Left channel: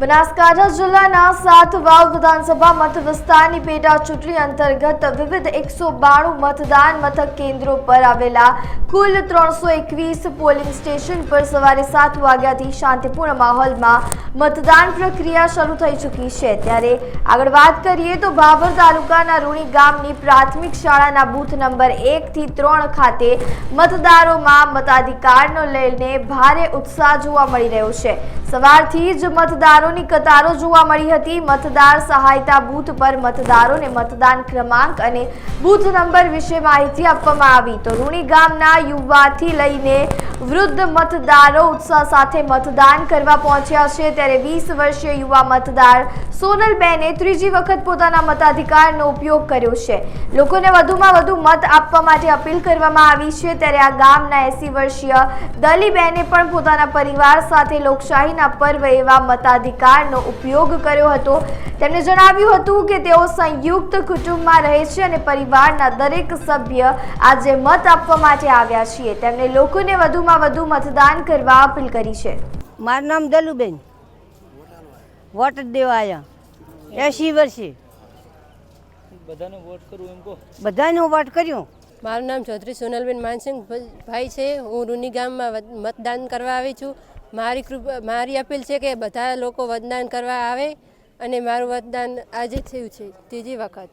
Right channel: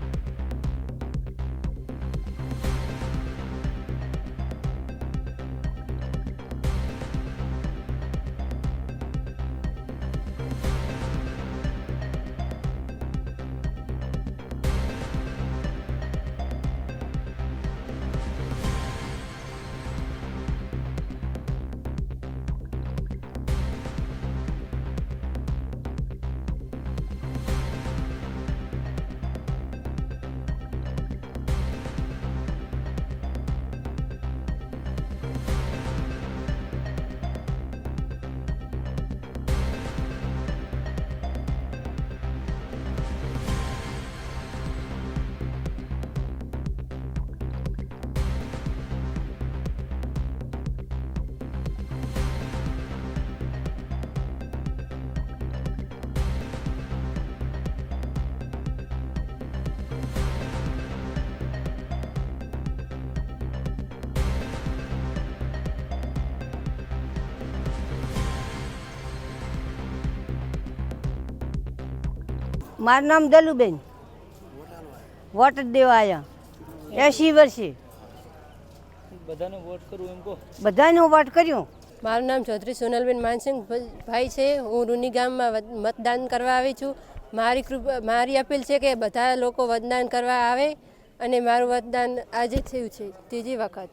બનાસકાંઠા જિલ્લાના 7 વાવ વિધાનસભા મત વિસ્તારની પેટા ચૂંટણી અંતર્ગત વિવિધ 192 મતદાન મથક કેન્દ્રો પર આવેલા કુલ 321 પોલિંગ સ્ટેશન પર સવારે 7 વાગ્યાથી શાંતિપૂર્ણ માહોલમાં મતદાન પ્રક્રિયા શરૂ થઈ ચૂકી છે। ત્યારે આગળ વાત કરીએ તો ભાભર તાલુકાના રૂણી ગામની પ્રાથમિક શાળાના બૂથ નંબર 1 થી 3 ખાતે મતદારોમાં મતાધિકારનો લઈને ભારે ઉત્સાહ જોવા મળી રહ્યો છે। સવારથી જ મતદારોની કતારો જોવા મળી હતી। મતદાર સહાયતા બૂથ પર મતદારોને મતદાન ક્રમાંક અને બૂથ નંબર વિશે માહિતી આપવામાં આવી તો રૂણી ગામના યુવાથી લઈને વૃદ્ધ મતદારો ઉત્સાહ સાથે મતદાન કરવા પહોંચ્યા છે। ત્યારે 20 વર્ષીય યુવા મતદાર સોનલબેને ત્રીજી વખત પોતાના મતાધિકારનો ઉપયોગ કર્યો છે। લોકોને વધુમાં વધુ મત આપવા માટે અપીલ કરવામાં આવી છે। ત્યારે આ ગામના 80 વર્ષીય દલીબેને પણ પોતાના પરિવાર સાથે લોકશાહીના પર્વ એવા મતાધિકારનો ઉપયોગ કર્યો હતો। તેમણે જણાવ્યું હતું કે તેઓ સંયુક્ત કુટુંબમાં રહે છે અને પરિવારના દરેક સભ્ય આજે મત આપવા માટે આવ્યા છીએ। તેમણે લોકોને વધુમાં વધુ મતદાન કરવા અપીલ કરી છે। મારું નામ દલુબેન, વોટ દેવા આવ્યા 80 વર્ષે બધાને વોટ કરું એમ કહો। બધાને વોટ કર્યો। મારું નામ ચૌધરી સોનલબેન માનસિંહ ભાઈ છે। હું રૂની ગામમાં મતદાન કરવા આવી છું। મારી અપીલ છે કે બધા લોકો મતદાન કરવા આવે અને મારું મતદાન આજે થયું છે ત્રીજી વખત।